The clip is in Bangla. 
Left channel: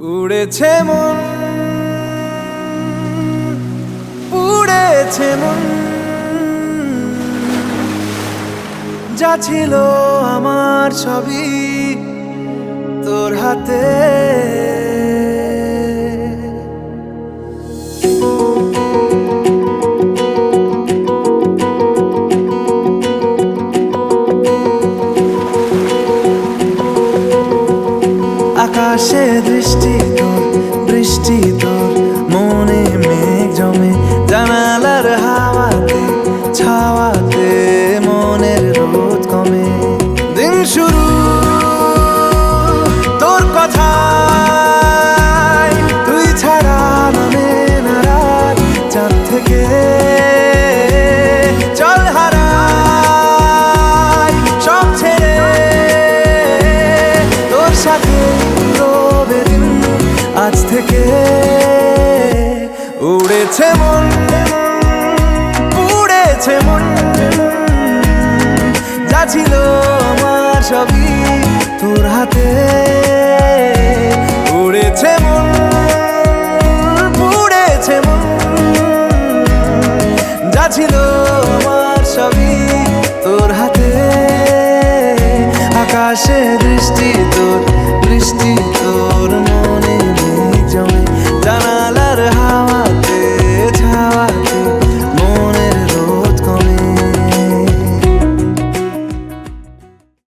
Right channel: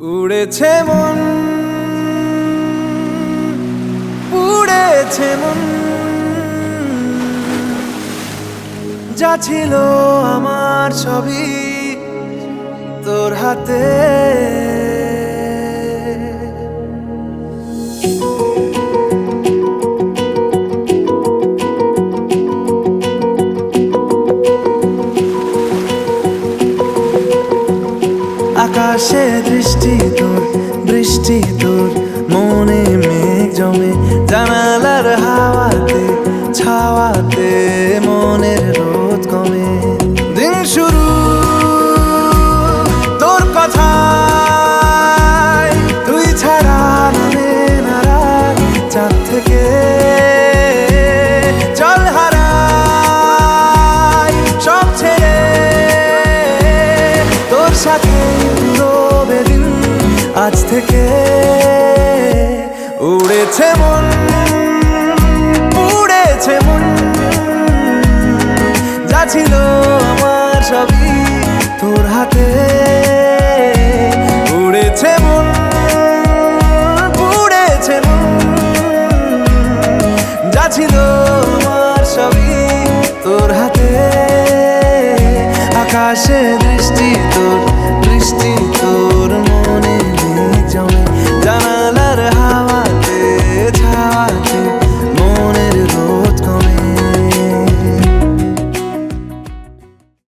উড়েছে মন, উড়েছে মন, যা ছিল আমার সবই তোর হাতে। আকাশে দৃষ্টি তোর, বৃষ্টি তোর, মনে মেঘ জমে, জানালার হাওয়াতে ছাওয়াতে মনের রোদ কমে। দিন শুরু তোর কথায়, তুই ছাড়া নামে না রাত, চাঁদ থেকে চল হারাই সব ছেড়ে, তোর সাথেই পুরো বেদিন আজ থেকে। উড়েছে মন, পুড়েছে মন, যা ছিল আমার সবই তোর হাতে। উড়েছে মন, পুড়েছে মন, যা ছিল আমার সবই তোর হাতে। আকাশে দৃষ্টি তোর, বৃষ্টি তোর, মনে